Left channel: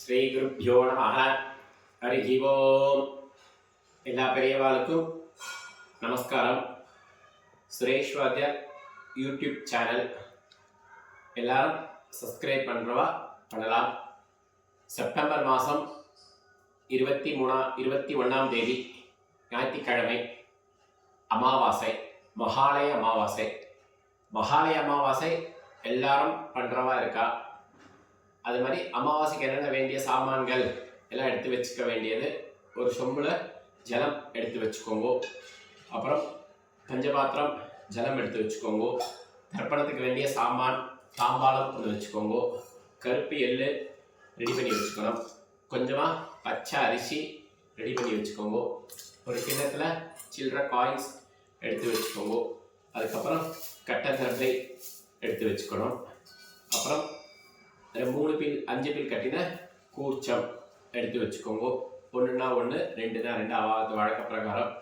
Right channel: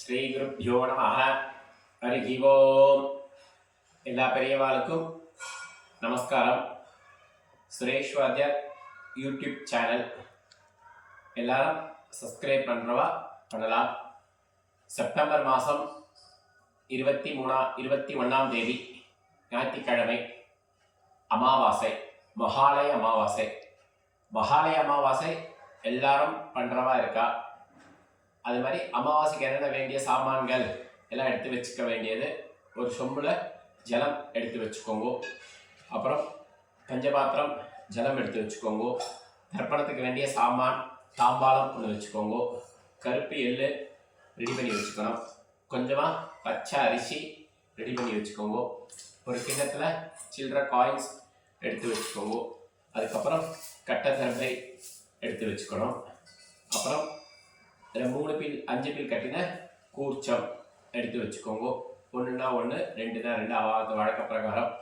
ஸ்ரீ குருப்யோ நமஹ. ஹரி ஓம். எல்லா பெரியவாளுக்கும் நமஸ்காரம். சுரேஷ் வாத்தியார் யூடியூப் சேனல் எல்லாரும் சப்ஸ்கிரைப் பண்ணுறவா பண்ணலாம். செப்டம்பர் மாதம் 21ஆம் தேதி ஞாயிற்றுக்கிழமை அமாவாசை, மகாலய அமாவாசை. மகாலய அமாவாசை எல்லாரும் பண்ணுறவா இருக்கா. அது மாதிரி அமாவாசைக்கு என்னென்ன வேண்டிய சாமான்கள் எல்லாம் எடுத்து வச்சுக்க வேண்டியது, ஒரு சொம்பில் ஜலம் எடுத்து வச்சுக்கோங்க. அப்புறம் பஞ்சபாத்திரம் ஜலம் எடுத்து வச்சுக்கோங்க. தர்ப்பணத்துக்கு வேண்டிய சாமான் தாம்பாளம் ஒன்று வச்சுக்கோங்க. கருப்பு எள்ளு ரெடி பண்ணி வச்சுக்கணும். கொஞ்சமாக பச்சை அரிசி ரெடி பண்ணி வச்சுக்கோங்க. ஒரு கிண்ணத்தில் சில்லற காயின்ஸ் எடுத்து வச்சுக்கோங்க. அதுக்கப்புறம் கட்டை தர்பை எடுத்து வச்சுக்கணும். அப்புறம் 5 பில் கட்டின கூர்ச்சம் எடுத்து வச்சுக்கோங்க. 1ன்னா 1, 2ன்னா 2 அவாத வழக்க பிரகாரம்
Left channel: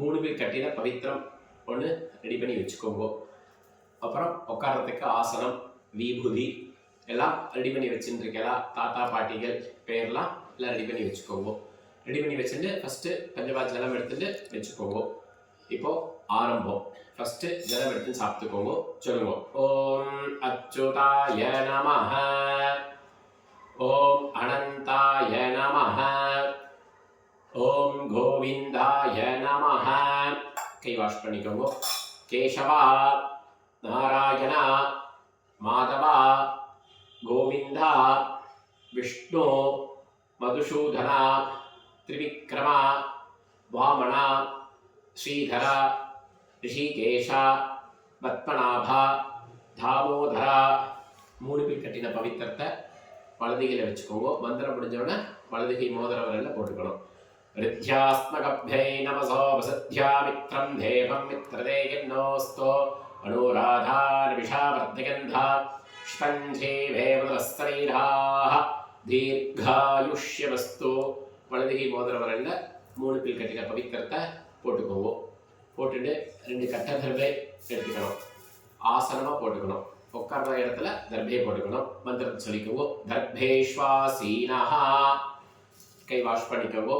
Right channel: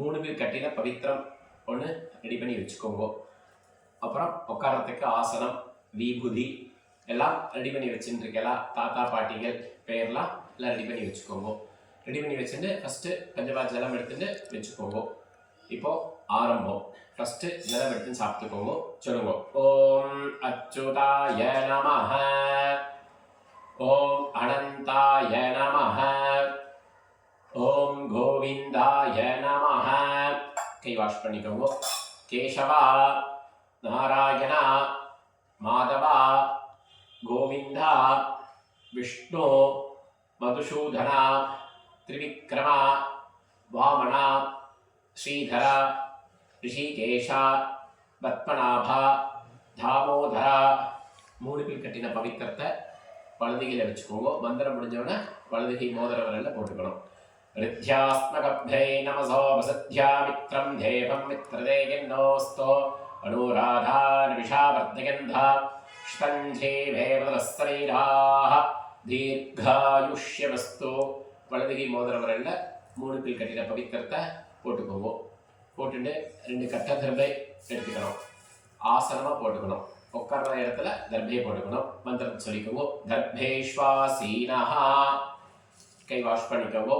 3 பில் கட்டின பவித்திரம் ஒன்று ரெடி பண்ணி வச்சுக்கோங்க. அப்புறம் உட்காரத்துக்கு ஆசனம், விபூதி எல்லாம் ரெடி பண்ணி வச்சுருக்கலாம். தாத்தா பாட்டிகள் பெயர்லாம் எல்லாம் ரெடி பண்ணி வச்சுக்கோங்க. ரெடி பண்ணி வச்சுட்டு ஃபஸ்ட்டு பஞ்சபாத் ஜலம் எடுத்துட்டு வச்சுக்கோங்க. இப்போது ஆரம்பம். ஃபஸ்ட்டு ஜலம் எடுத்து சாப்பிட்டுக்கோங்க. சொல்லுங்க. ஓம் அச்சுதாய நமஹ, ஓம் அனந்தாய நமஹ, ஓம் கோவிந்தாய நமஹ. கை வாஷ் பண்ணிக்கோங்க. கேசவா, நாராயணா, மாதவா, கோவிந்தா, விஷ்ணு, மதுசூதனா, திரிவிக்ரமா, வாமனா, ஸ்ரீதரா, ரிஷிகேஷா, பத்மநாபா, தாமோதரா. 3 பில் கட்டின பவித்திரத்தை வலதுகையில் வச்சுக்கோங்க. மந்திரம் முடிஞ்சோடனே வலதுகை மோதிர விரலில் போட்டுக்கணும். ரித்யாஸ்மகப்யை நமசோ வசத்யா மித்ரம் தேவம் மித்ரதேகின்னோஸ்தோ அனுராதான் விஷாவர்த்தகந்தா ஸ்பஞ்சேவேவதலஸ்தரைராஹ தீர்காயுஷ்யவஸ்து. வலதுகை மோதிர விரலில் 3 பில் கட்டின பவித்திரத்தை போட்டுக்கோங்க. போட்டுட்டு 2 கட்டை தர்பை எடுத்துக்கணும். ஆசனமாக போட்டுக்கணும். உட்கார்ற இடத்துல தர்பையை போட்டுக்கணும். மந்திரத்தை சொல்லிக்கோங்க. தர்பேஷ்வாசீனஹா. கை வாஷ் பண்ணிக்கோங்க.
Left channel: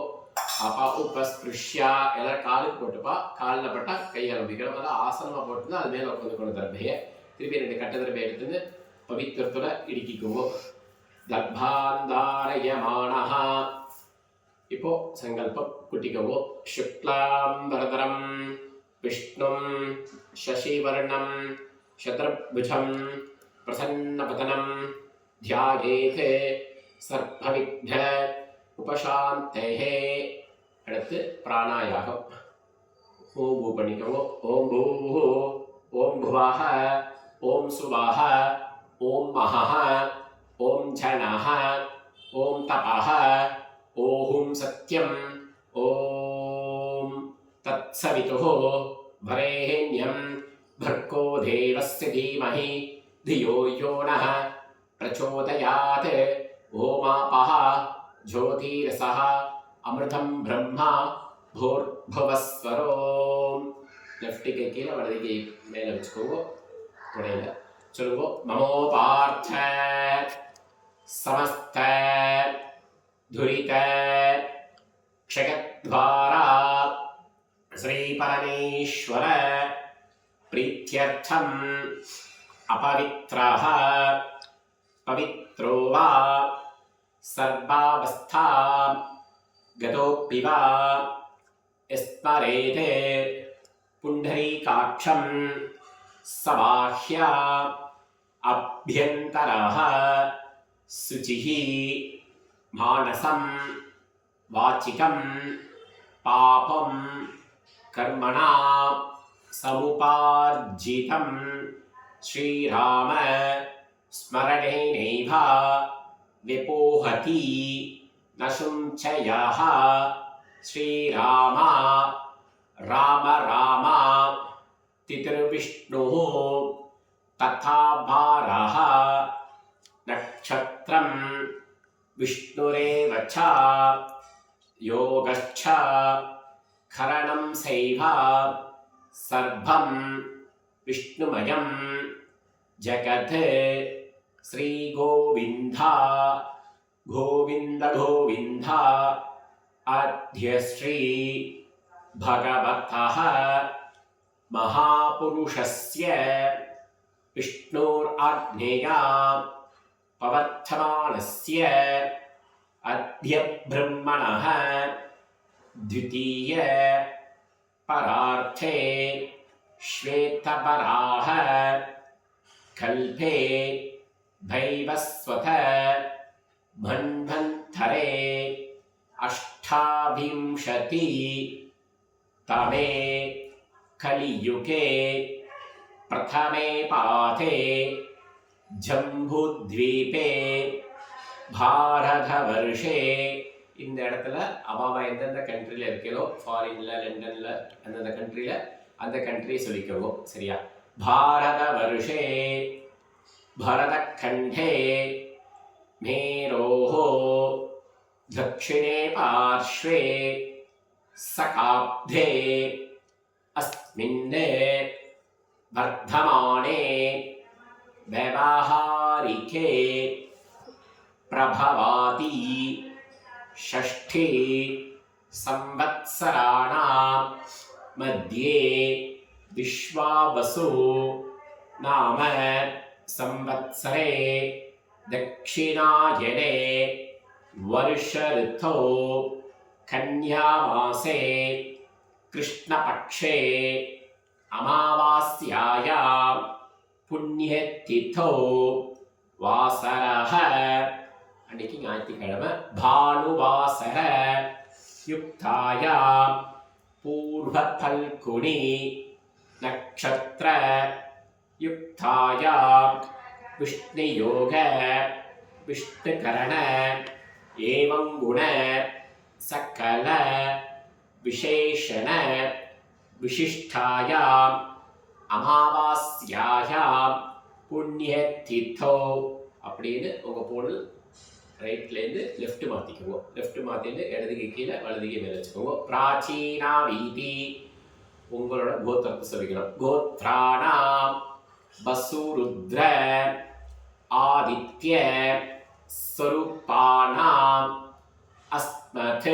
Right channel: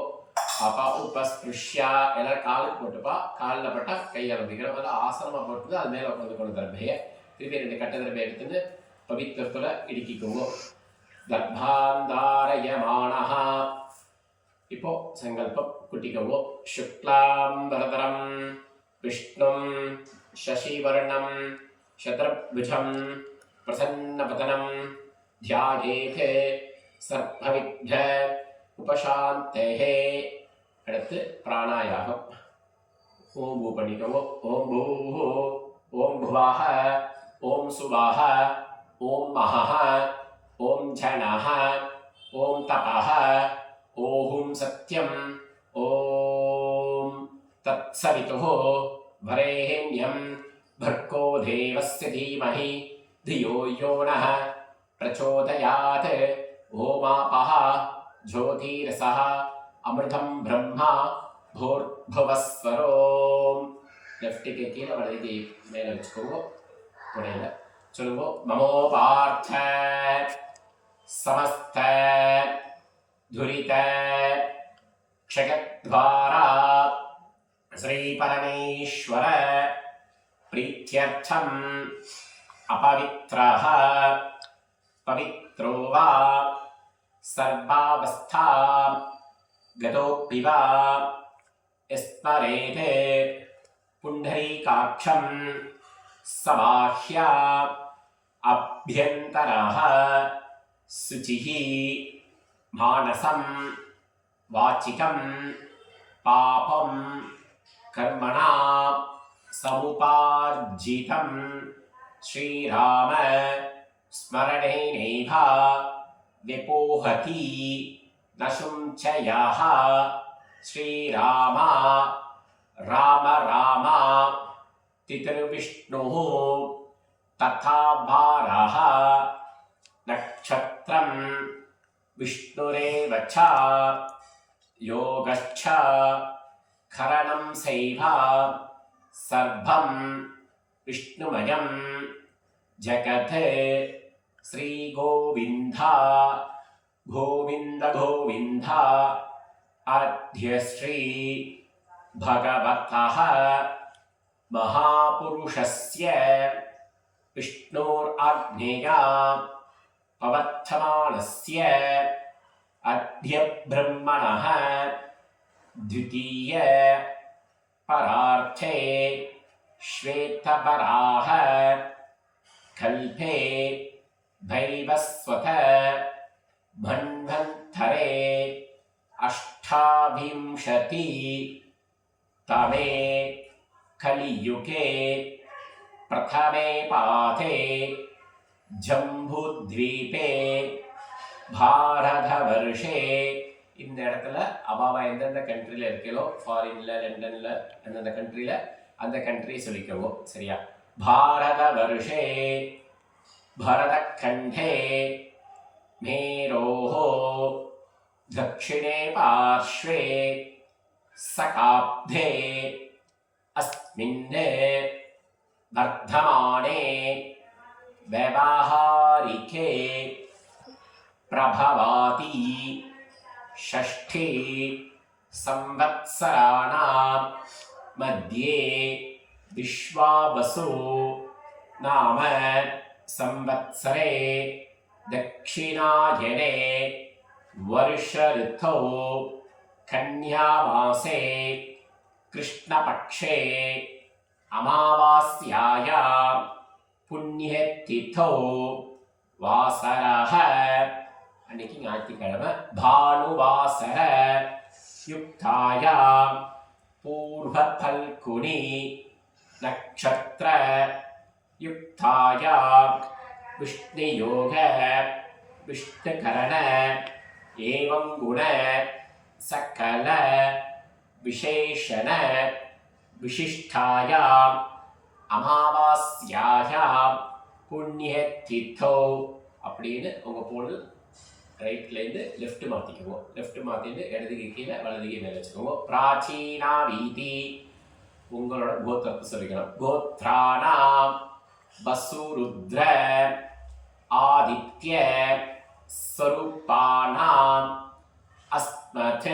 அப்பா உபஸ்பிருஷ்யா. எல்லாரும் காலுக்கு போட்டுப்பா. காலில் பட்டால் கை கிளம்பிக்கணும். அதை ஆசனமாக போட்டு அது மேலே உட்காந்துக்கணும் தர்பையை. திருப்பி 2 கட்டை தர்பையை எடுத்துட்டு பவித்திரத்தில் இடுக்கிக்கோங்க. தர்பாந்தாரயமானஹா. இப்போ சங்கல்பம் குட்டிக்கோங்க. சுக்லாம் வரதரம் விஷ்ணும் சசிவர்ணம் சத்ரபுஜம் பிரசன்னபதனம் தியாயேத் சர்ப்பவிக்ன உபசாந்தேஹே. அடுத்து பிராணாயாகம். ஓம் பூ பண்ணிக்கோங்க. ஓம் பூ, ஓம் புவாஹ, ஓம் சுவாஹ, ஓம் மஹஹ, ஓம் ஜனஹ, ஓம் தபஹ, ஓம் சத்யம், ஓம் தத்சவிதுः வரேண்யம் भर्गो देवस्य धीमहि धियो यो नः प्रचोदयात्. ओमापः ज्योतिरसः अमृतं ब्रह्मा भूर्भुवस्वरोम्. लेफ्ट के கீழே வலது கை மேலே வச்சுக்கோங்க. துணையில் சொல்லுங்க. மமோபார்த்த समस्त धुरित क्षयद्वारा श्री परमेश्वर प्रीत्यर्थम् अपवित्रः पवित्रो वा सर्वावस्था गतोऽपि वा स्मरेत् पुण्डरीकाक्षं सबाह्या अभ्यन्तरः शुचिः मानसं वाचिकं पापं कर्मणा समुपार्जितं श्रीराम स्मरणेनैव विपोहति न शुञ्चयः. श्रीराम राम राम तितिर्विष्णुः तथा भारः नक्षत्रं विष्णुरेव च योगश्च करणं सैव सर्वं विष्णुमयं जगत्. श्रीगोविन्द गोविन्द गोविन्द अद्य श्री भगवतः महापुरुषस्य विष्णोराज्ञया पवर्तमानस्य अद्य ब्रह्मणः द्वितीय परार्थे श्वेतपराः कल्पे भैवस्वत मन्वन्तरे अष्टाविंशति तमे कलियुगे प्रथमे पाते जम्बूद्वीपे भारतवर्षे இந்த இடத்துல அவாவா எந்தெந்த கண்ட்ரியில் இருக்கீங்களோ ஃபாரின்ல லண்டன்ல அந்தந்த கண்ட்ரியில் அந்த கண்ட்ரியை சொல்லிக்கோங்க சரியா. பாரத வருஷே பரதக்கண்டே மேரோः दक्षिणे पार्श्वे सकाब्धे अस्मिन् वर्धमाने व्यवहारिके प्रभवाति षष्ठी संवत्सराणां मध्ये विश्वावसु नाम संवत्सरे दक्षिणायने वर्ष ऋतौ कन्यामासे कृष्णपक्षे अमावास्यायां पुण्यतिथौ वासरः அன்னைக்கு ஞாயிற்றுக்கிழமை பானுவாசர யுக்தாயாம் பூர்வ பல்குனி நக்ஷத்ர யுக்தாயாம் விஷ்ணுயோக விஷ்ணுகரண ஏவம் குண சகல விசேஷண விசிஷ்டாயாம் அமாவாஸ்யாயாம் புண்ணியதிதோ அப்படின்னு உங்கள் போல் ரைட்லேருந்து லெஃப்ட் மாற்றிக்குவோம். லெஃப்ட் மாற்றிட்டு இடதுக்கு கீழே வலதுக்கு மேலே வச்சுக்கோங்க. பிராச்சீனா வீதி உங்களோட கோத்திரத்தை சொல்லிக்கணும். கோத்ராணாம் வசுருத்ர ஆதித்ய ஸ்வரூபானாம் அஸ்மத்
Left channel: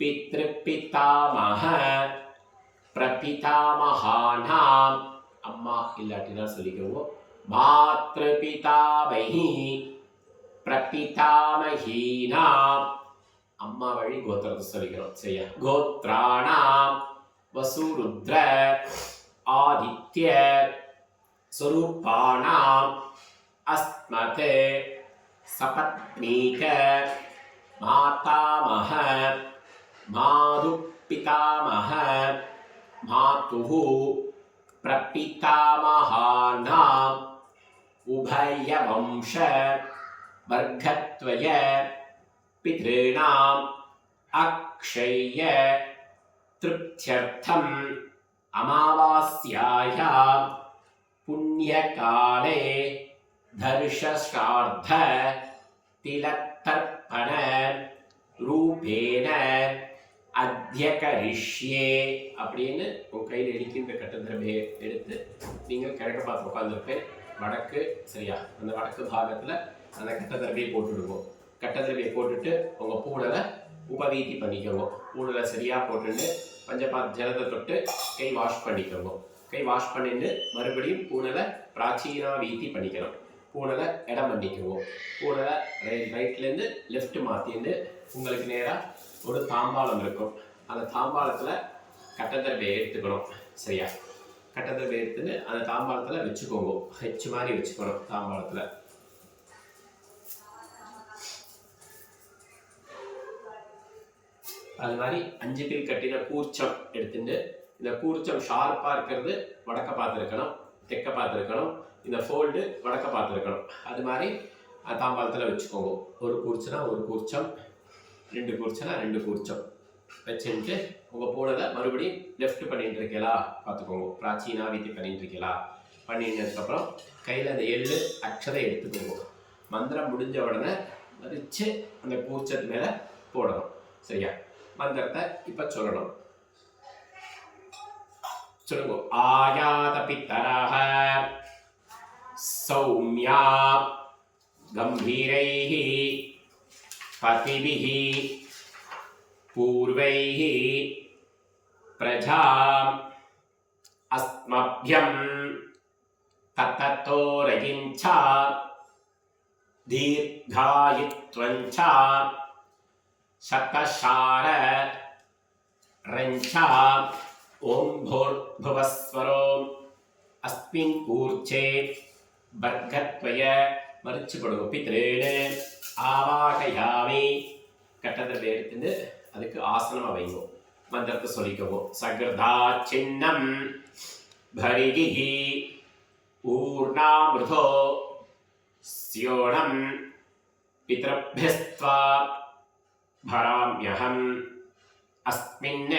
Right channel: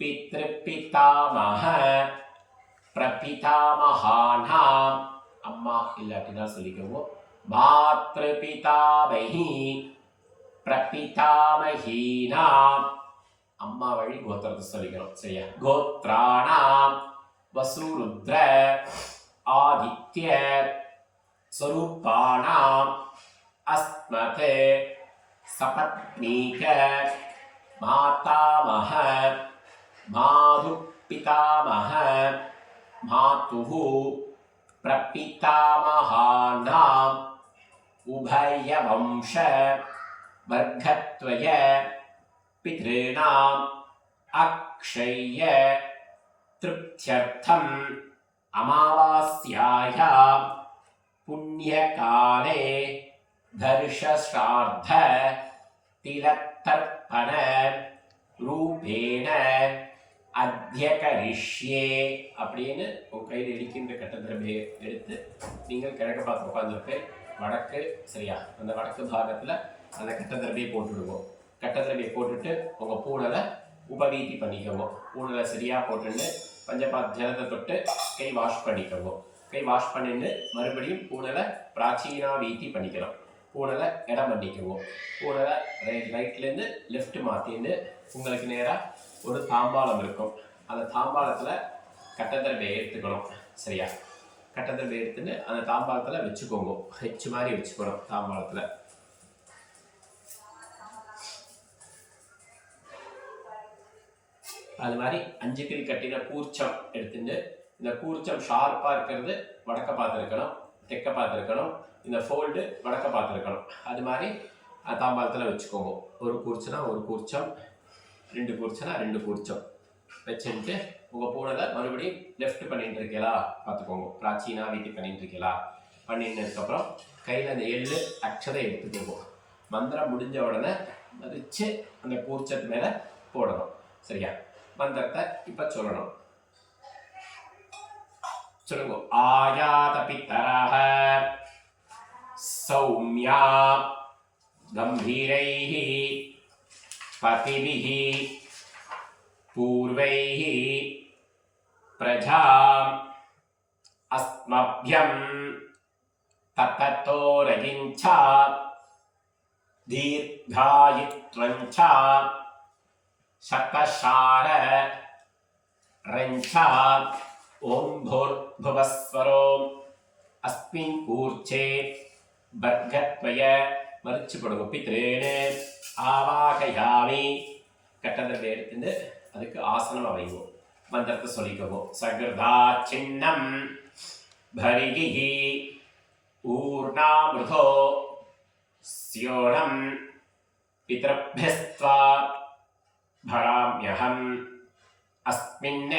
பித்ருபிதாமஹ பிரபிதாமஹானாம் அம்மா இல்லாட்டினா சொல்லிக்கோங்க. மாத்ருபிதாமஹி பிரபிதாமஹீனாம் அம்மா வழி கோத்திரத்தை சொல்லிக்கணும் சரியா. கோத்ராணாம் வசுருத்ர ஆதித்ய ஸ்வரூபானாம் அஸ்மத் சபத்னீக மாதாமஹ மாது பிதாமஹ மாதுः பிரபிதாமஹானாம் உபயவம்ச वर्गत्वय पितॄणाम् अक्षय्य तृप्त्यर्थम् अमावास्यायां पुण्यकाले दर्शश्राद्ध तिलतर्पण रूपेण अद्य करिष्ये அப்படின்னு உங்கள் கையில் எடுக்கின்ற கட்டத்திரமையை எடுத்து நீங்கள் கிழக்க பார்த்து உட்காந்துருப்பேன். வடக்கு சரியா, அந்த வடக்கு பாகத்தில் அந்த கட்டத்திரமையை போட்டுடுவோம். கட்டத்திரமையை போட்டுட்டு உங்கள் பூனலை உபவீதி பண்ணிக்கோங்க. பூனலை சரியாக போட்டுட்டு பஞ்சபாத் ஜலத்தை தொட்டு கை வாஷ் பண்ணிக்கோங்க. கை வாஷ் பண்ணிட்டு மறுபடியும் பூனலை பிராச்சீனா வீதி பண்ணிக்கணும். பூனலை இடம் பண்ணிக்குவோம். பூனலை ரைட்லேருந்து லெஃப்ட் மாற்றிட்டு உங்களுக்கு நேராக ஒரு தாம்பாளம் இருக்கும். அந்த தாம்பாளத்தில் கட்டத்திரமையை எடுத்துக்கணும் சரியா. கட்டத்திரமையை எடுத்துன்னு அந்த தாம்பாளத்தில் வச்சுக்கோங்க. ஹெச் மாதிரி வச்சுக்கணும் தாம்பாளத்தில். அது மாதிரி 5 கில் கட்டின கூர்ச்சம் எடுத்துட்டு இந்த கூர்ச்சம் ஷார்ப்பாக இருக்கிறது வடக்க பார்த்துருக்கணும், தெற்க பார்த்துருக்கணும். இந்த ஃபோல்டு வடக்க பார்த்துருக்கணும். அது மாதிரி தாம்பாளத்தில் வச்சுக்கோங்க. ஒரு கூர்ச்சனா ஒரு கூர்ச்சம், 2 கூர்ச்சனா 2 கூர்ச்சம் வச்சுட்டு உங்கள் பூனலை மறுபடியும் லெஃப்ட் பண்ணிட்டு இருக்கீங்களா பார்த்துக்கோங்க. பிராச்சீனா வீதி பண்ணிட்டு இருக்கீங்களா பண்ணினதுக்கப்புறம் கையில் அந்த எள்ளு அக்ஷதை எடுத்துக்கோங்க. மந்திரம் முடிஞ்ச உடனே மதித்து அந்த கூர்ச்சத்து மேலே போடணும் சரியா. மந்திரத்தை இப்போ சொல்லணும். சொல்லுங்க. ஆயாத பித்தராக சௌமியா गंभीरैः पतिभिः पूर्वैः प्रजाम् अस्मभ्यं तततो रयिञ्च दीर्घायुत्वञ्च शतशार रञ्च ओं भूर्भुवस्वरो अस्मिन् कूर्चे वर्गत्वय மறிச்சு போடுங்க. பித்ரேனு ஆவாகயாமி கட்டத்தை எடுத்துட்டு அதுக்கு ஆசனம் வைங்கோ. மந்திரத்தை சொல்லிக்கவோ. சகிருதா சின்னம் பரிகிஹி ஊர்ணாமிருதோ ஸ்யோணம் பித்ரப்யஸ்த்வா भराम्यहम् अस्मिन्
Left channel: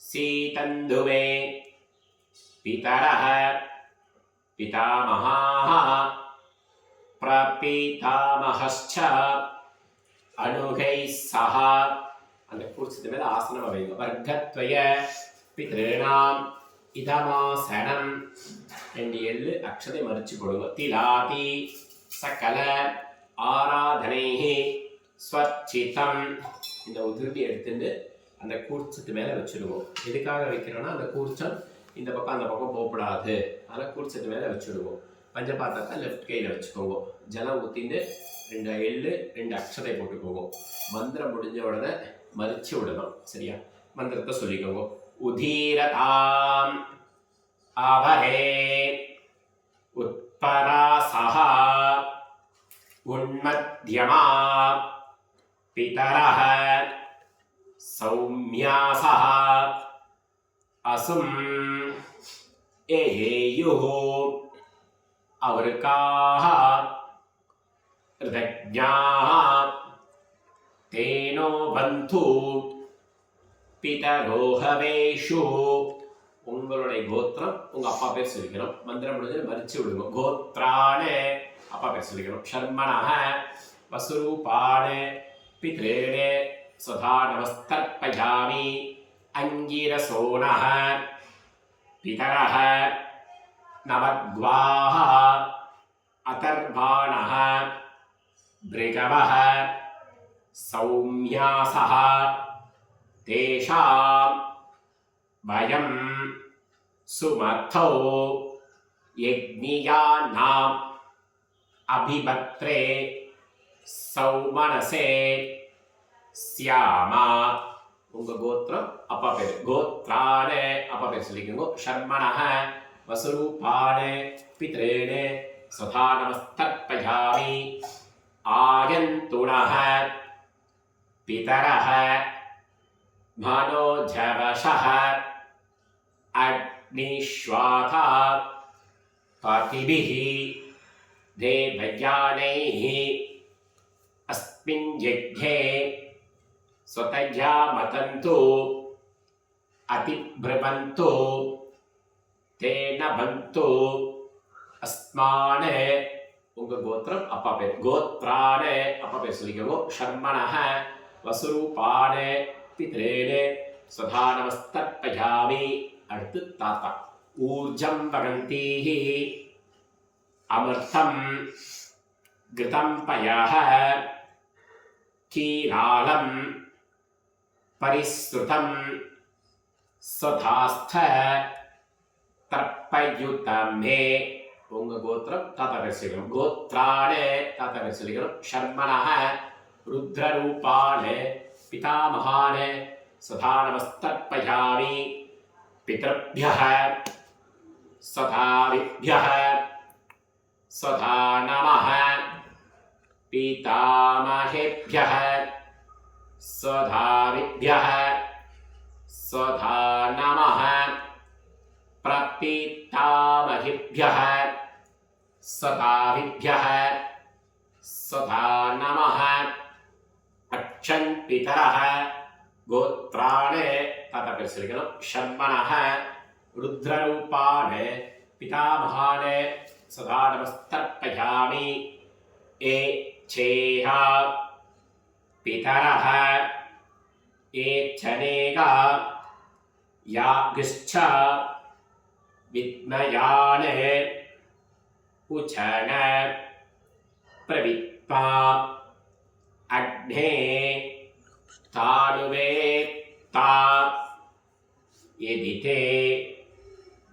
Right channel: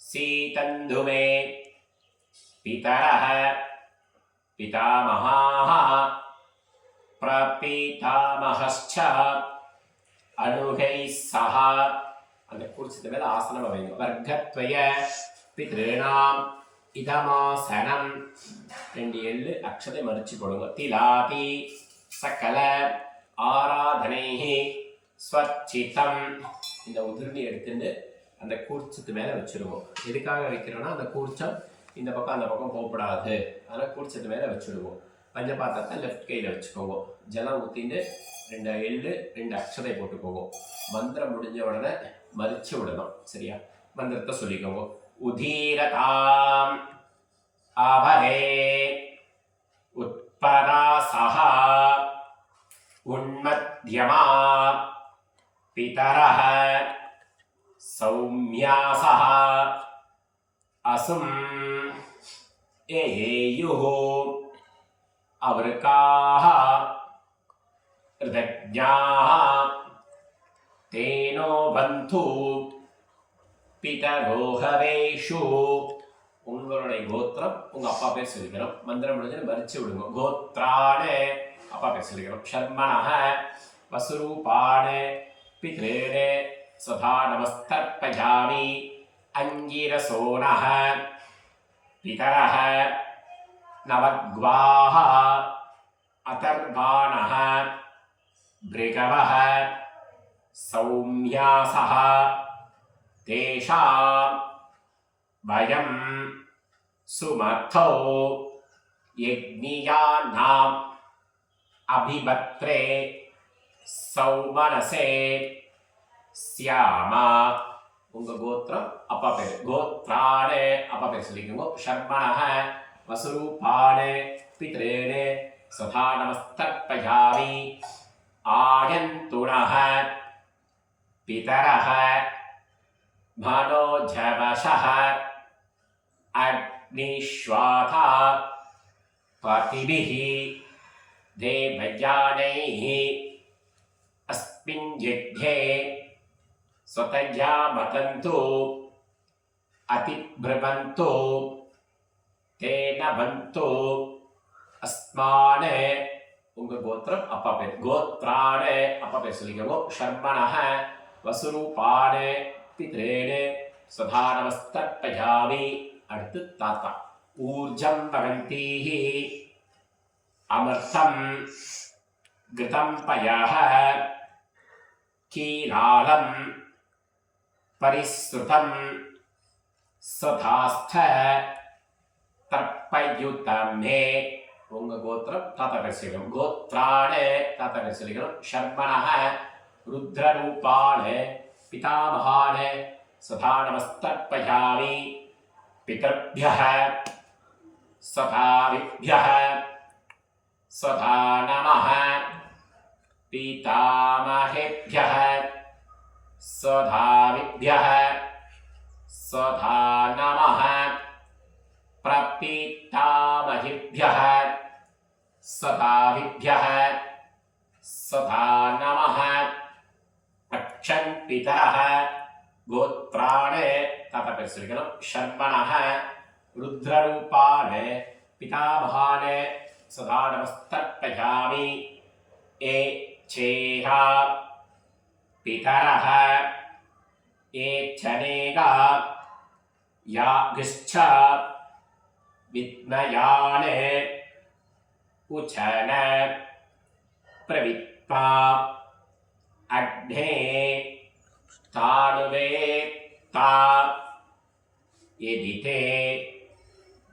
सीतन्धुमे पितरः पितामहाः प्रपितामहश्च अनुगैः सह அந்த குறிச்சது மேல ஆசனம் வைங்க. வர்க்கத்வய பித்ருணாம் இதமாசனம் 2 எள்ளு அக்ஷதை மறிச்சு போடுங்க. திலாதி சகல ஆராதனைஹி ஸ்வச்சிதம் இந்த உதிர்ணி எடுத்துட்டு அந்த கூர்ச்சத்து மேலே வச்சுடுவோம். எதுக்காக வைக்கிறோன்னா அந்த கூர்ச்சம் இந்த பக்கம் அந்த பக்கம் போகப்படாது. அதனால் கூர்ச்சத்து மேலே வச்சுடுவோம். பஞ்சபாத்திரத்தை லெஃப்ட் கையில் வச்சுக்கோங்க. ஜலம் ஊற்றிட்டு 2 எள்ளு 2 அக்ஷதை போட்டுக்கோங்க. மந்திரம் முடிஞ்ச உடனே மறிச்சு விடணும். சரியா? மந்திரத்தை சொல்லிக்கோங்க. உதீரதாம் அவரே உட்பராசஹா உன்மத்யமா पितरः सौम्यासः असुम् एयुः अवृकाः ऋतज्ञाः तेनो बन्धु पितरोहवेषु. உங்களுடைய கோத்திரம் உங்க அப்பா பேர் சொல்லிக்கணும். மந்திரம் முடிஞ்சு மறிச்சு விடுங்க. கோத்ரானே அப்பா பேர் சொல்லிக்கணும். ஷர்மணः வசுரூபானே पितॄणे स्वधा नमस्तर्पयामि. अङ्गिरसोनः पितरः नवग्वाः अतर्वाणः भृगवः सौम्यासः तेषां वयं सुमथौ यज्ञियानाम् अभिभत्रे சௌமனசே சியாமா. உங்க கோத்திரம் அப்பா பேர். கோத்ரானே அப்பா பேர் சொல்லிக்கோங்க. ஷர்மணः வசுரூபானே பித்ரேனே சதா நமஸ்தர்ப்பயாமி. ஆயந்துணः பிதரः மனோஜவஷः அக்னிஷ்வாதா பதிபிः தேவயானைः अस्मिन् यज्ञे स्वतया मतन्तु अतिब्रुवन्तु तेन बन्तु अस्मान्. உங்க கோத்திரம் அப்பா பேர். கோத்ரானே அப்பா பேர் சொல்லிக்கோங்க. ஷர்மணः வசுரூபானே பித்ரேனே சதா நமஸ்தர்ப்பயாமி. அடுத்து தாத்தா. ஊர்ஜம் பகந்தீஹி அமிர்தம் கிருதம் பயः कीरालं परिश्रुतं स्वधास्थ तर्पयुतमे. உங்க கோத்திரம் தாத்தா பேர் சொல்லிக்கணும். கோத்ரானே தாத்தா பேர் சொல்லிக்கணும். ஷர்மணः ருத்ரரூபானே பிதாமகானே சதா நமஸ்தர்ப்பயாமி. பிதர்भ्यः சதாவிभ्यः சதா நமः. पितामहेभ्यः स्वधाविभ्यः स्वधा नमः. प्रपितामहेभ्यः स्वधाविभ्यः स्वधा नमः. अक्षन् पितरः गोत्राणे ताता पेर सोल्लिक्कணும். शर्मणः रुद्ररूपाणे पितामहाने सदा नमस्तर्पयामि. ए चेहा पितरः एच्छनेगा यागश्च विद्मयाने उचन प्रविप्पा अग्ने तानुवेत्ता यदि ते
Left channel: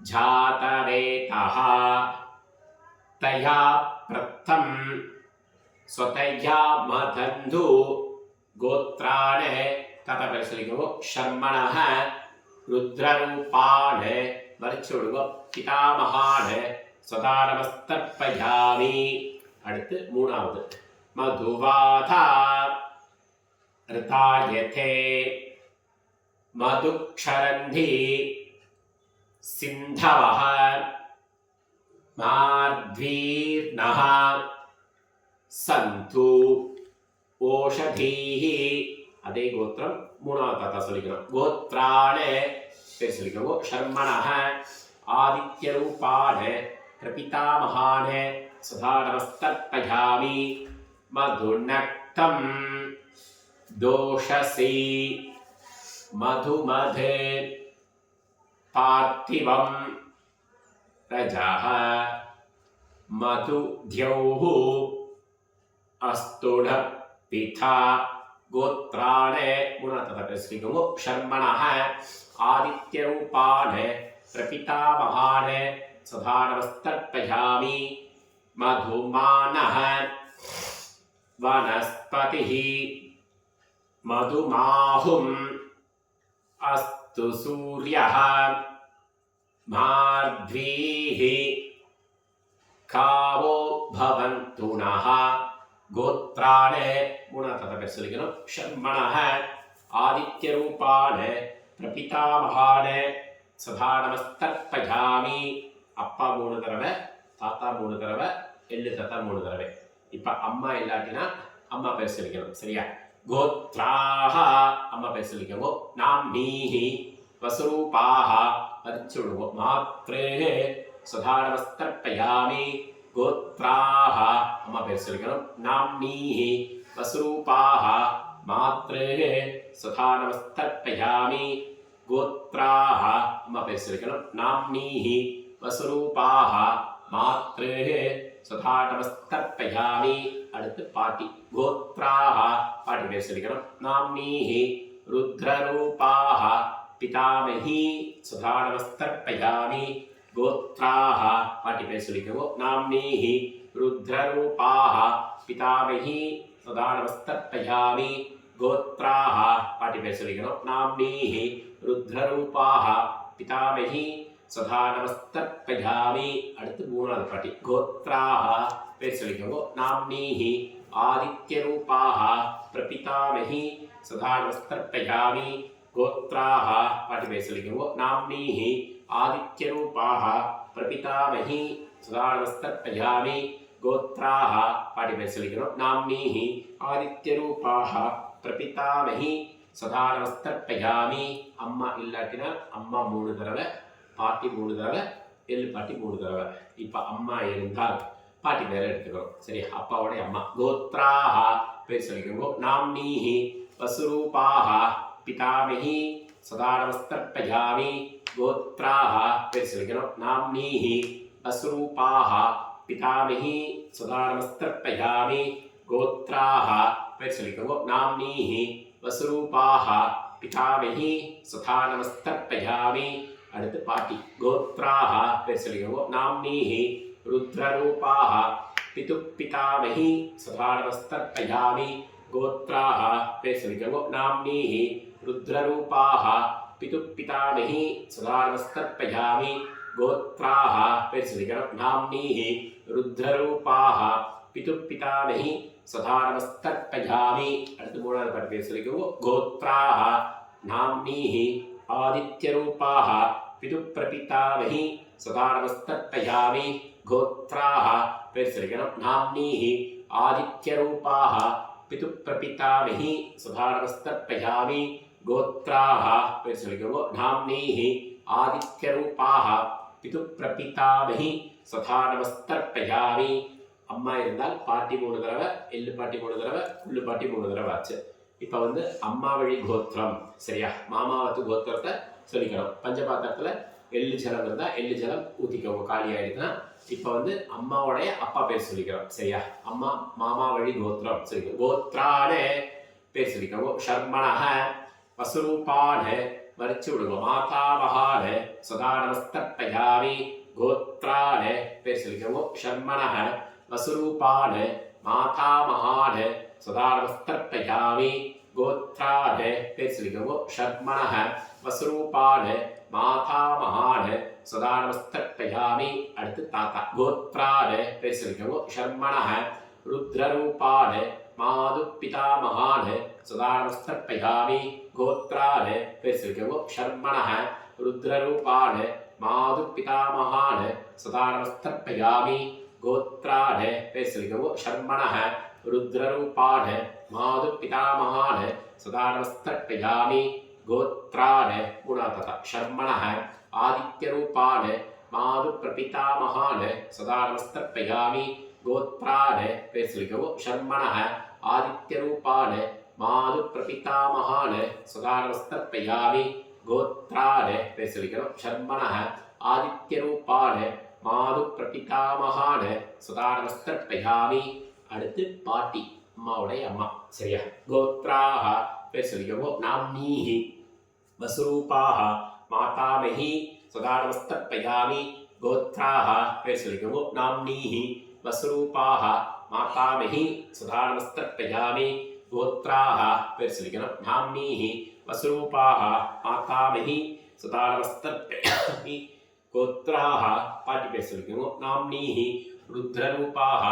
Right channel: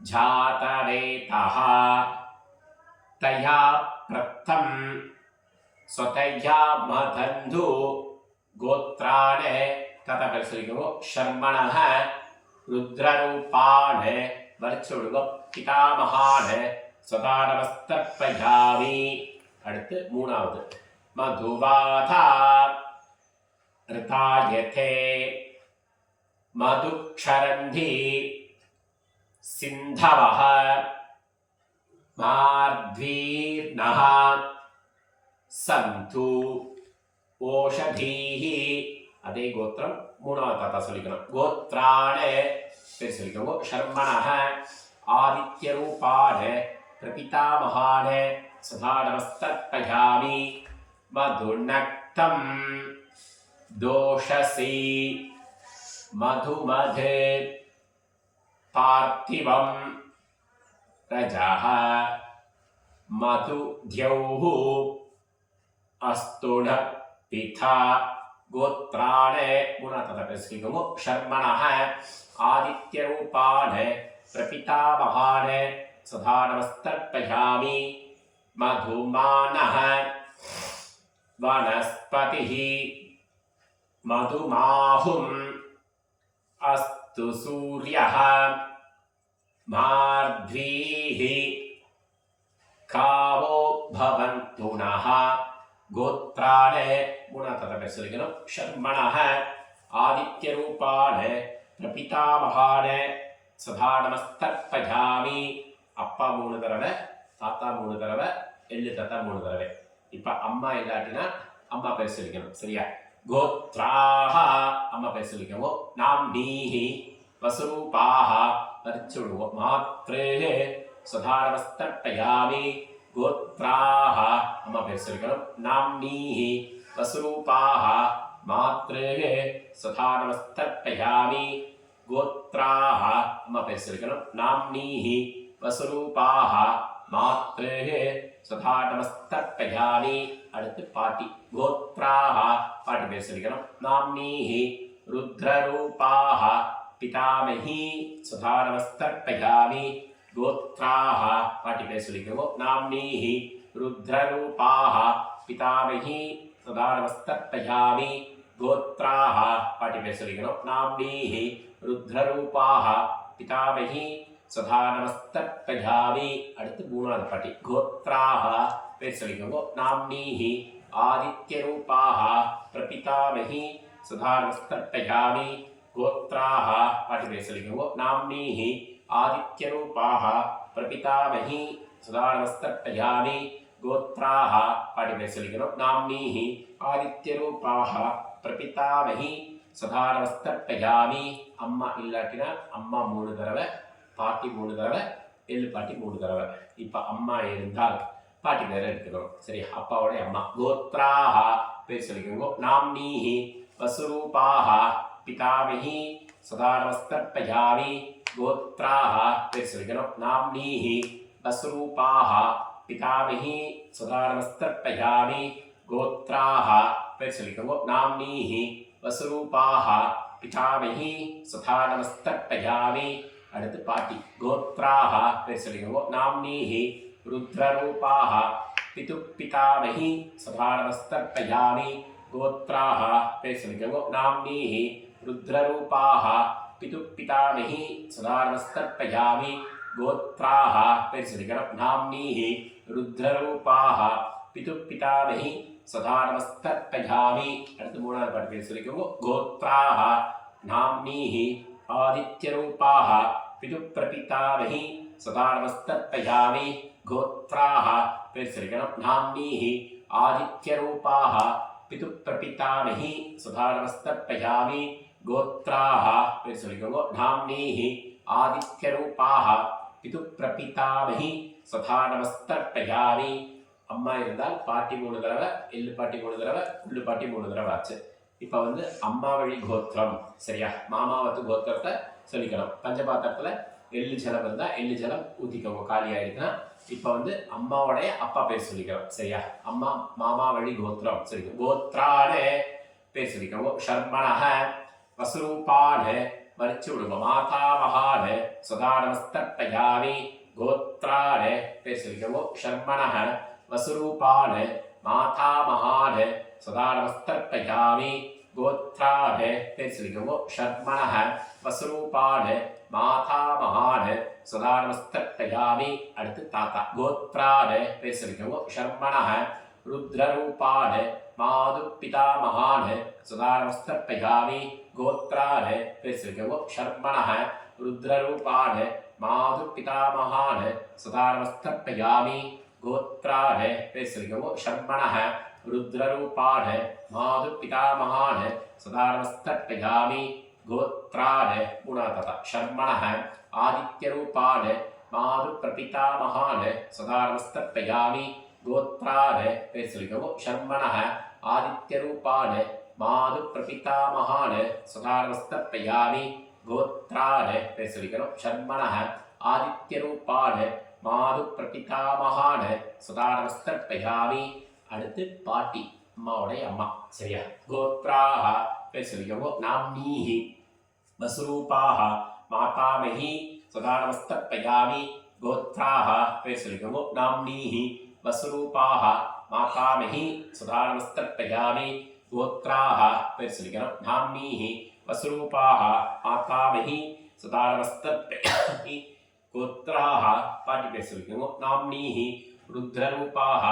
जातवेतः तया प्रत्थं स्वतया मदन्धु गोत्राणे तथा परिसलिको शर्मणः रुद्ररूपान् वरचुडुगो पितामहान् सदा नमस्तर्पयामि அடுத்து மூணாவது மதுவாதா ரிதாயதே மதுக்ஷரந்தி சிந்தவஹ மார்த்வீர்ணஹ சந்து ஓஷதீஹி அதே கோத்திரம் மூணாவது தாத்தா சொல்லிக்கணும் கோத்ராணே பேர் சொல்லிக்கோங்க ஷர்மணஹ ஆதித்யரூபாண பிரபிதாமகான सदा नमस्तर्पयामि मधुनक्तं दोषसी मधुमधे पार्थिवं रजः मधुद्यौः अस्तुण पिता गोत्राणे गुणततपस्विगमु शर्मणः आदित्यरूपान् प्रपितामहान् सदा नमस्तर्पयामि मधुमानः वनस्पतिः मधुमाहुम् अस्तु सूर्यः मार्ध्वीः कावो भवन्तु नः गोत्राणे गुणततपस्विगमु शर्मणः आदित्यरूपान् प्रपितामहान् सदा नमस्तर्पयामि அப்பா 3 தடவை தாத்தா 3 தடவை எள்ளு தாத்தா 3 தடவை இப்போ அம்மா இல்லாட்டினா அம்மா பேர் சொல்லிக்கணும் சரியா கோத்ராஹ அம்மா பேர் சொல்லிக்கோங்க நாம்னீஹி வசுரூபாஹ வரிச்சுடுங்க மாத்ரேஹ சதா நமஸ்தர்ப்பயாமி கோத்ராஹ அம்மா பேர் சொல்லிக்கணும் நாம்னீஹி வசுரூபாஹ மாத்ரேஹ சதா நமஸ்தர்ப்பயாமி கோத்ராஹ அம்மா பேர் சொல்லிக்கணும் நாம்னீஹி वसुरूपाः मात्रेः सदा नमस्तर्पयामि அடுத்து பாட்டி கோத்ராः பாட்டி பேர் சொல்லிக்கணும் நாம்னீः रुद्ररूपाः पितामही सदा नमस्तर्पयामि गोत्राः பாட்டி பேர் சொல்லிக்கணும் நாம்னீः रुद्ररूपाः पितामही सदा नमस्तर्पयामि गोत्राः பாட்டி பேர் சொல்லிக்கணும் நாம்னீः रुद्ररूपाः पितामही सदा नमस्तर्पयामि அடுத்து மூணாவது பாட்டி கோத்ராஹ பேர் சொல்லிக்கோங்க நாம்னீஹி ஆதித்யரூபாஹ பிரபிதாமஹி சதா நமஸ்தர்ப்பயாமி கோத்ராஹ பாட்டி பேர் சொல்லிக்கோங்க நாம்னீஹி ஆதித்யரூபாஹ பிரபிதாமஹி சதா நமஸ்தர்ப்பயாமி கோத்ராஹ பாட்டி பேர் சொல்லிக்கணும் நாம்னீஹி ஆதித்யரூபாஹ பிரபிதாமஹி சதா நமஸ்தர்ப்பயாமி அம்மா இல்லாட்டினா அம்மா 3 தடவை பாட்டி 3 தடவை எள்ளு பாட்டி 3 தடவை இப்போ அம்மா இருந்தால் பாட்டி பேரை எடுத்துக்கணும் சரி அப்பாவோட அம்மா கோத்ராஹ பேர் சொல்லிக்கோங்க நாம்னீஹி வசுரூபாஹ பிதாமஹி சதா நமஸ்தர்ப்பயாமி கோத்ராஹ பேர் சொல்லிக்கணும் நாம்னீஹி வசுரூபாஹ பிதாமஹி சதா நமஸ்தர்ப்பயாமி கோத்ராஹ பேர் சொல்லிக்கோங்க நாம்னீஹி வசுரூபாஹ பிதாமஹி சதா நமஸ்தர்ப்பயாமி அடுத்து பாட்டி கோத்ராஹ பேர் சொல்லிக்கோங்க நாம்னீஹி रुद्ररूपाः पितुपितामही सदा नमस्तर्पयामि गोत्राः பேர் சொல்லிக்கோங்க நாம்னீஹி रुद्ररूपाः पितुपितामही सदा नमस्तर्पयामि गोत्राः பேர் சொல்லிக்கணும் நாம்னீஹி रुद्ररूपाः पितुपितामही सदा नमस्तर्पयामि அடுத்து மூணாவது பாட்டு பேர் சொல்லிக்கோங்க गोत्राः नाम्नीहि आदित्यरूपाः पितुप्रपितामही सदा नमस्तर्पयामि गोत्राः பேர் சொல்லிக்கணும் नाम्नीहि आदित्यरूपाः पितुप्रपितामही सदा नमस्तर्पयामि गोत्राः பேர் சொல்லிக்கோங்க नाम्नीहि आदित्यरूपाः पितुप्रपितामही सदा नमस्तर्पयामि அம்மா இருந்தால் பாட்டி 3 தடவை எள்ளு பாட்டி 3 தடவை புல்லு பாட்டி 3 தடவை ஆச்சு இப்போ வந்து அம்மா வழி கோத்திரம் சரியா மாமாவத்து கோத்திரத்தை சொல்லிக்கணும் பஞ்சபாத்திரத்தில் எள்ளு ஜலம் இருந்தால் எள்ளு ஜலம் ஊற்றிக்கோங்க காலி ஆகிடுதுன்னா இப்போ வந்து அம்மாவுடைய அப்பா பேர் சொல்லிக்கிறோம். சரியா? அம்மா மாமா வழி கோத்திரம் சொல்லிக்கிறோம். கோத்ரான்னு பேர் சொல்லிக்கிறோம். ஷர்மணஹ வசுரூபான்னு மறிச்சு விடுங்க. மாதாமகான்னு சதா நமஸ்தர்ப்பயாமி. கோத்ரான்னு பேர் சொல்லிக்கிறோம். ஷர்மணஹ வசுரூபான்னு மாதாமகான்னு சதா நமஸ்தர்ப்பயாமி. கோத்ரான்னு பேர் சொல்லிக்கிறோம். ஷர்மணஹ வசுரூபான்னு மாதாமகான்னு சதா நமஸ்தர்ப்பயாமி. அடுத்து தாத்தா. கோத்ரான்னு பேர் சொல்லிக்கிறோம். ஷர்மணஹ ருத்ரரூபான்னு மாது பிதாமகான்னு சதா நமஸ்தர்ப்பயாமி. கோத்ரான்னு பேர் சொல்லிக்கிறோம். ஷர்மணஹ ருத்ரரூபான்னு மாது பிதாமகான்னு சதா நமஸ்தர்ப்பயாமி. கோத்ரான்னு பேர் சொல்லிக்கிறோம். ஷர்மணஹ ருத்ரரூபான்னு மாது பிதாமகான்னு சதா நமஸ்தர்ப்பயாமி. கோத்ரான்னு மூணாவது தாத்தா. ஷர்மணஹ ஆதித்யரூபான்னு மாது பிரபிதாமகான்னு சதா நமஸ்தர்ப்பயாமி. கோத்ரான்னு பேர் சொல்லிக்கிறோம். ஷர்மணஹ ஆதித்யரூபான்னு மாது பிரபிதாமகான்னு சதா நமஸ்தர்ப்பயாமி. கோத்ரான்னு பேர் சொல்லிக்கிறோம். ஷர்மணஹ ஆதித்யரூபான்னு மாது பிரபிதாமகான்னு சதா நமஸ்தர்ப்பயாமி. அடுத்து பாட்டி, அம்மாவுடைய அம்மா. சரியா? கோத்ராஹ பேர் சொல்லிக்கிறோம். நாம்னீஹி வசுரூபாஹ மாதாமஹி சதா நமஸ்தர்ப்பயாமி. கோத்ராஹ பேர் சொல்லிக்கிறோம். நாம்னீஹி வசுரூபாஹ மாதாமஹி சதா நமஸ்தர்ப்பயாமி. கோத்ராஹ பேர் சொல்லிக்கிறோம். நாம்னீஹி வசுரூபாஹ மாதாமஹி சதா நமஸ்தர்ப்பயாமி. கோத்ராஹ பாட்டி பேர் சொல்லிக்கிறோம். நாம்னீஹி ருத்ரரூபாஹ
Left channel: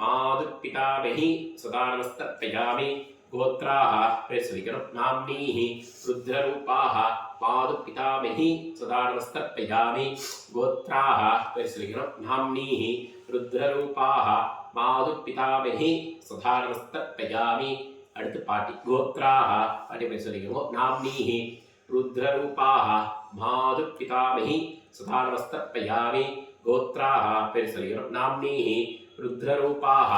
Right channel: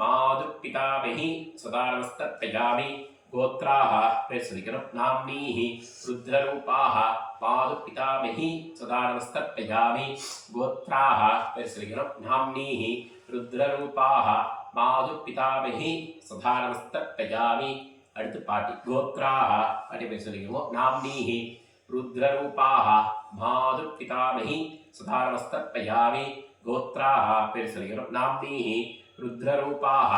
மாது பிதாமஹி சதா நமஸ்தர்ப்பயாமி. கோத்ராஹ பேர் சொல்லிக்கிறோம். நாம்னீஹி ருத்ரரூபாஹ மாது பிதாமஹி சதா நமஸ்தர்ப்பயாமி. கோத்ராஹ பேர் சொல்லிக்கிறோம். நாம்னீஹி ருத்ரரூபாஹ மாது பிதாமஹி சதா நமஸ்தர்ப்பயாமி. அடுத்து பாட்டி. கோத்ராஹ பாட்டி பேர் சொல்லிக்கிறோம். நாம்னீஹி ருத்ரரூபாஹ மாது பிதாமஹி சதா நமஸ்தர்ப்பயாமி. கோத்ராஹ பேர் சொல்லிக்கிறோம். நாம்னீஹி ருத்ரரூபாஹ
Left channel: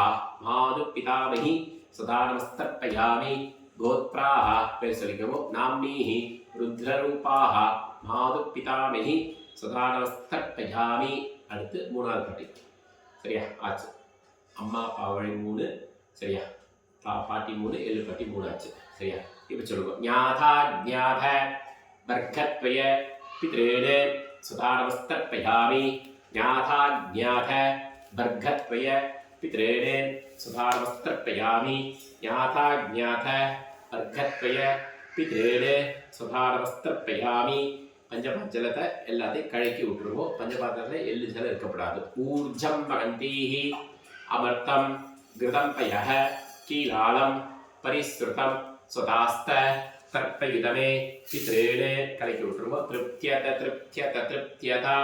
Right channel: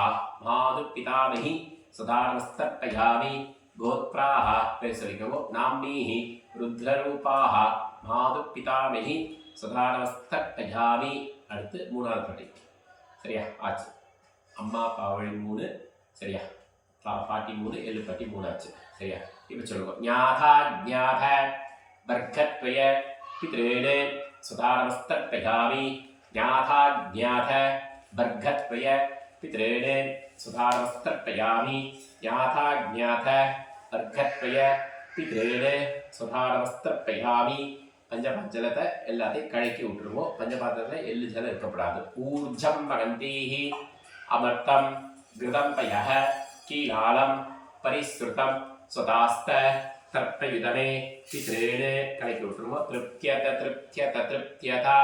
மாது பிதாமஹி சதா நமஸ்தர்ப்பயாமி. கோத்ராஹ பேர் சொல்லிக்கிறோம். நாம்னீஹி ருத்ரரூபாஹ மாது பிதாமஹி சதா நமஸ்தர்ப்பயாமி. அடுத்து மூணாவது பாட்டி. சரியா? ஆச்சு. அம்மா அப்பா வழி 3. சரியா? பாட்டி 3, எள்ளு பாட்டி 3 ஆச்சு. சரியா? இப்போ சொல்லுங்க. ஞாதா ஜ்ஞாத வர்க்கத்வய பித்ரேணே சதா நமஸ்தர்ப்பயாமி. ஞாதா ஜ்ஞாத வர்க்கத்வய பித்ரேணே சதா நமஸ்தர்ப்பயாமி. ஞாதா ஜ்ஞாத வர்க்கத்வய பித்ரேணே சதா நமஸ்தர்ப்பயாமி. பஞ்சபாஞ்சலத்தை எல்லாத்தையும் கழக்கி விட்டுருவோம். பஞ்சபாத்திரத்தில் எள்ளு ஜலம் இருக்கப்படாது. ஊர்ஜம் மகந்தீஹி அமர்த்தம் கிருதம் பயஹ கீலாலம் பரிஸ்ருதம் ஸ்வதாஸ்த தர்ப்பயுதமே பித்ரேணே கலக்கி விட்டுருவோம். திருப்தியத திருப்தியத திருப்தியதா.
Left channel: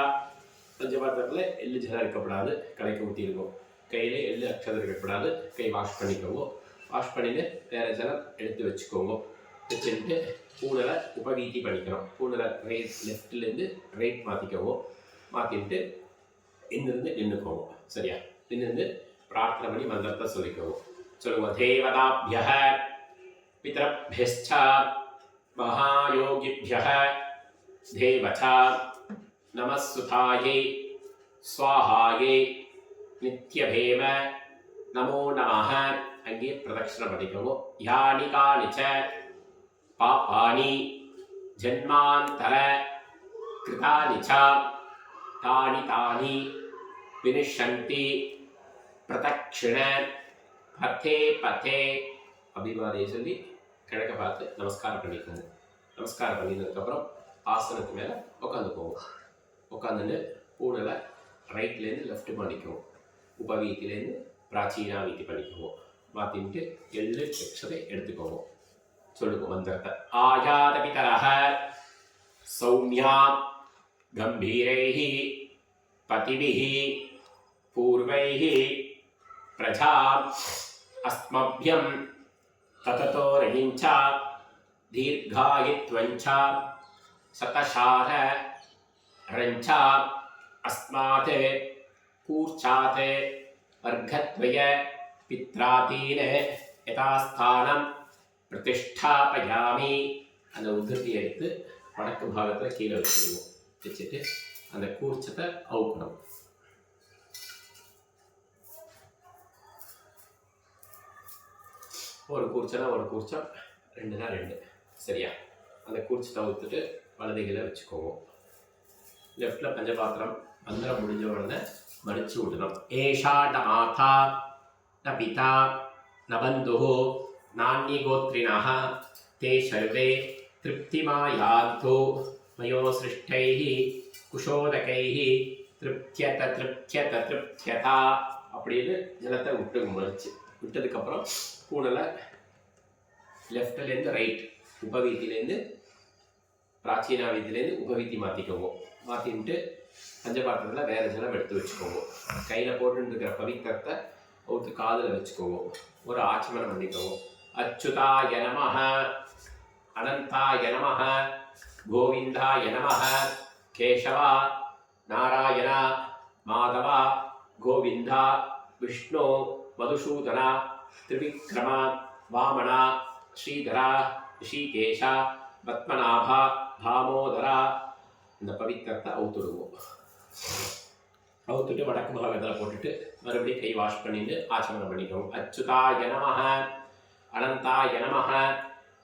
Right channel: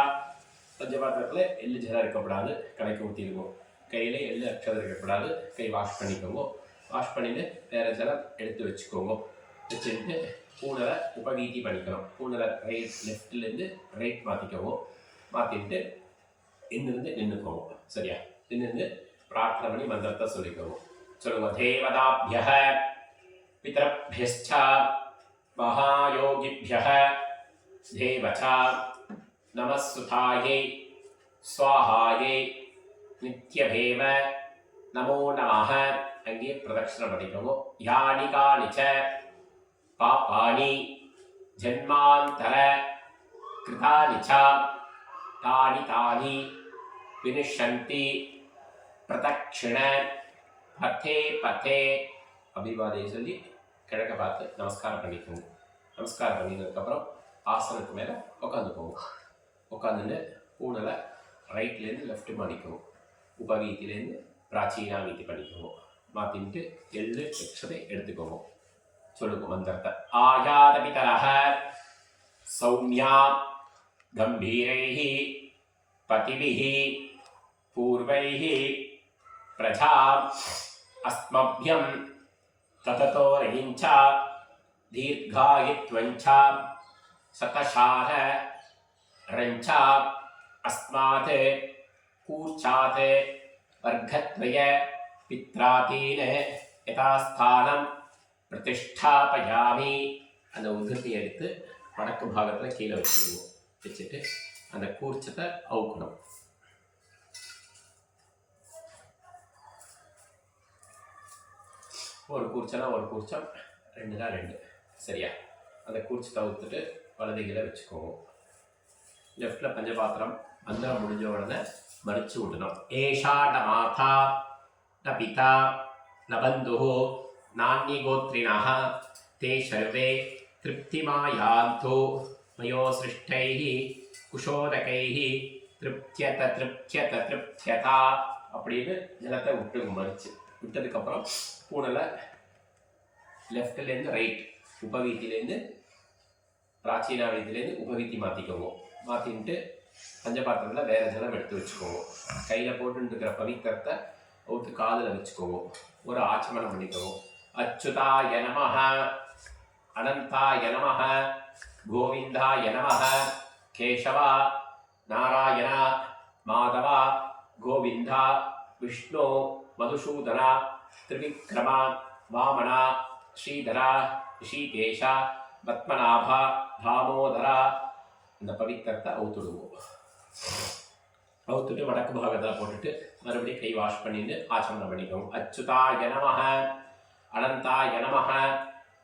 பஞ்சபாத்திரத்தில் எள்ளு ஜலம் இருக்கப்படாது. கலக்கி ஊற்றிடுவோம். கையில் எள்ளு அக்ஷதம் இருக்கக்கூடாது. கை வாஷ் பண்ணிக்கோங்க. வாஷ் பண்ணிட்டு வேறு ஜலம் எடுத்து வச்சுக்கோங்க. வச்சுட்டு பூனலை உபவீதி பண்ணிக்கணும். பூனலை ரைட் லெஃப்ட்லேருந்து ரைட் மாற்றிக்கோங்க. மாற்றிட்டு இன்னிருந்து நின்றுக்கோங்க. சரியா? நின்று பிரார்த்தனை பண்ணி மந்திரத்தை சொல்லிக்கோங்க. சொல்லுங்க. தேவதாபியः பிதரபியஸ்ச மகாயோகிபியः தேவச நமஸ்சுதாயை ஸ்வாஹாயை நித்யபேம நமோ நமः. அங்கே பிரதட்சணை பண்ணிக்கோங்க. யானி கானிச்ச பாபானி ஜன்மாந்தர கிருதானி ச தானி தானி வினிஷந்தி பிரதக்ஷிண பதே பதே. அபிவாதையை சொல்லி கிழக்க பார்த்து நமஸ்காரம் பண்ணிக்கோங்க. நமஸ்காரம் பண்ணினதுக்கப்புறம் ஆசனத்துக்கு மேலே உட்காந்துக்கோங்க. உட்காந்துட்டு பூனலை ரைட்லேருந்து லெஃப்ட் பண்ணிக்கோங்க. உபவீத்திலேருந்து பிராச்சீனா வீதி பண்ணிக்கோங்க. மாற்றிட்டு எள்ளு அக்ஷதை எடுத்துக்கோங்க. சொல்லுங்க மந்திரத்தை. ஆயாத பிதரஹ சௌமியா கம்பீரைஹி பதிபிஹி பூர்வைஹி பிரஜா அஸ்மப்யம் தததோ ரயிஞ்ச தீர்காயித்வஞ்ச சதசார ரஞ்ச அஸ்மாத் கூர்ச்சாத் வர்க்கத்வய பித்ராதீன யதாஸ்தானம் பிரதிஷ்டாபயாமி. அந்த உதிர்த்தியை எடுத்து வடக்கு பாகத்தில் கீழே வச்சுருவோம். வச்சுட்டு அந்த கூர்ச்சத்தை அவுக்கணும். ஒரு கூர்ச்சனா ஒரு கூர்ச்சம், 2னா 2. சரியா? அந்த கூர்ச்சத்தை ஊற்றுட்டு வலதுகளை வச்சுக்கோங்க. லெஃப்டில் பஞ்சபாத்திரம் மந்திரம் முடிஞ்ச உடனே மறித்து விடணும். ஏஷா ந மாதா ந பிதா ந பந்து நான்யகோத்ரிணः தே சர்வே திருப்திமாயாந்தோ மயோ சிருஷ்டைः குஷோதகைः திருப்தியத திருப்தியத திருப்தியதா அப்படின்னு ஜலத்தை விட்டு மறிச்சு விட்டதுக்கப்புறம் பூனலை லெஃப்ட்லேருந்து ரைட், உபவீத்திலேருந்து பிராச்சீனா வீத்திலேருந்து உபவீத்தி மாற்றிக்கோங்க. மாற்றின்ட்டு பஞ்சபாத்திரத்தில் வேறு ஜலம் எடுத்து வச்சுக்கோங்க. கையில் போட்டுருக்கிற பவித்திரத்தை ஒருத்து காதில் வச்சுக்கோங்க. ஒரு ஆச்சமனம் பண்ணிக்கோங்க. அச்சுதாய நமஹ, அனந்தாய நமஹ, கோவிந்தாய நமஹ, கேசவா, நாராயணா, மாதவா, கோவிந்தா, விஷ்ணு, மதுசூதனா, திரிவிக்ரமா, வாமனா, ஸ்ரீதரா, ரிஷிகேஷா, பத்மநாபா, தாமோதரா. இந்த பவித்திரத்தை அவுத்துடுவோம். அவுத்துட்டு வடக்கு பாகத்தில் போட்டுட்டு மறுபடியும் கை வாஷ் பண்ணிட்டு ஆச்சமனம் பண்ணிக்கோங்க. அச்சுதாய நமஹ, அனந்தாய நமஹ,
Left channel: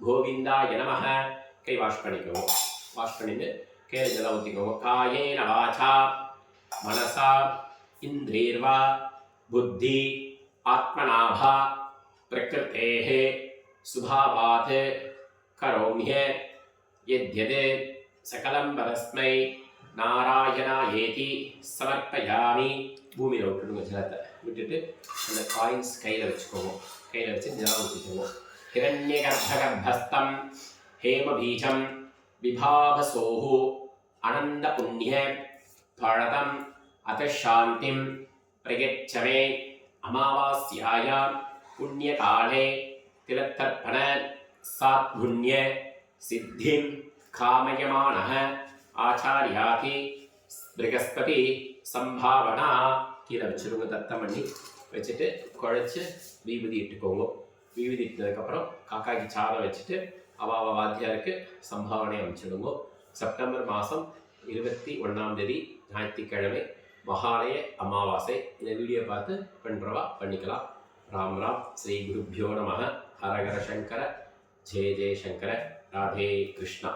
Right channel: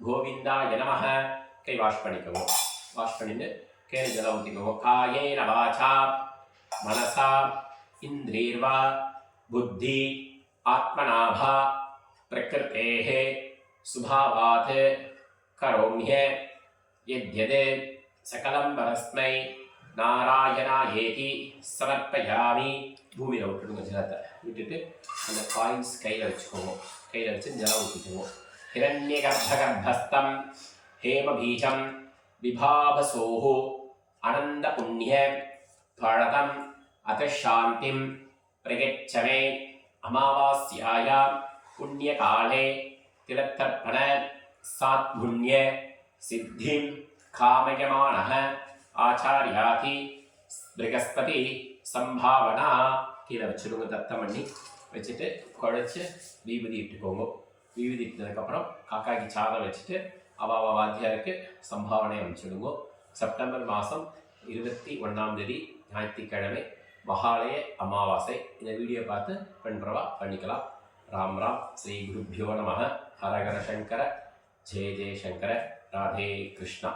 கோவிந்தாய நமஹ. கை வாஷ் பண்ணிக்கோங்க. வாஷ் பண்ணிட்டு கையில் ஜலம் ஊற்றிக்கோங்க. காயேன வாசா மனசா இந்திரியர்வா புத்தி ஆத்மநாபா பிரகிருத்தேஹ சுபாவாத் கரோம்ய யத்யத் சகலம் பரஸ்மை நாராயணாயேதி சமர்ப்பயாமி. பூமியில் விட்டுடுங்க ஜலத்தை. விட்டுட்டு அந்த காயின்ஸ் கையில் வச்சுக்கோங்க. கையில் வச்சு ஜலம் ஊற்றிக்குவோம். ஹிரண்யகர்ப்பகர்ப்பஸ்தம் ஹேமபீஜம் விபாவசோஹு அனந்த புண்ணிய பழதம் அதசாந்திம் பிரயச்சமே. அமாவாஸ்யாய புண்ணியகாலே திலத்தர்ப்பண சாத்புண்ணிய சித்திம் காமயமானः ஆச்சாரியாதி பிருகஸ்பதி சம்பாவனா. கீழே வச்சுருங்க. தத்தம் பண்ணி வச்சுட்டு குழைச்சி வீபதி இட்டுக்கோங்க. வீபதி இட்டதுக்கப்புறம் காக்காய்க்கு சாதம் வச்சுட்டு அவாவ வாத்தியாருக்கு சம்பாவனை அமைச்சிடுங்க. செப்டம்பர் மாதம் 21 ஞாயிற்றுக்கிழமை மகாலய அமாவாசை. இந்த வீடியோ பார்த்து பண்ணுறவா பண்ணிக்கலாம். ராம் ராம். ஸ்ரீ குருப்பியோ நமः. ஹரஹர சங்கர, ஜெய ஜெய சங்கர. ராதே கிருஷ்ணா.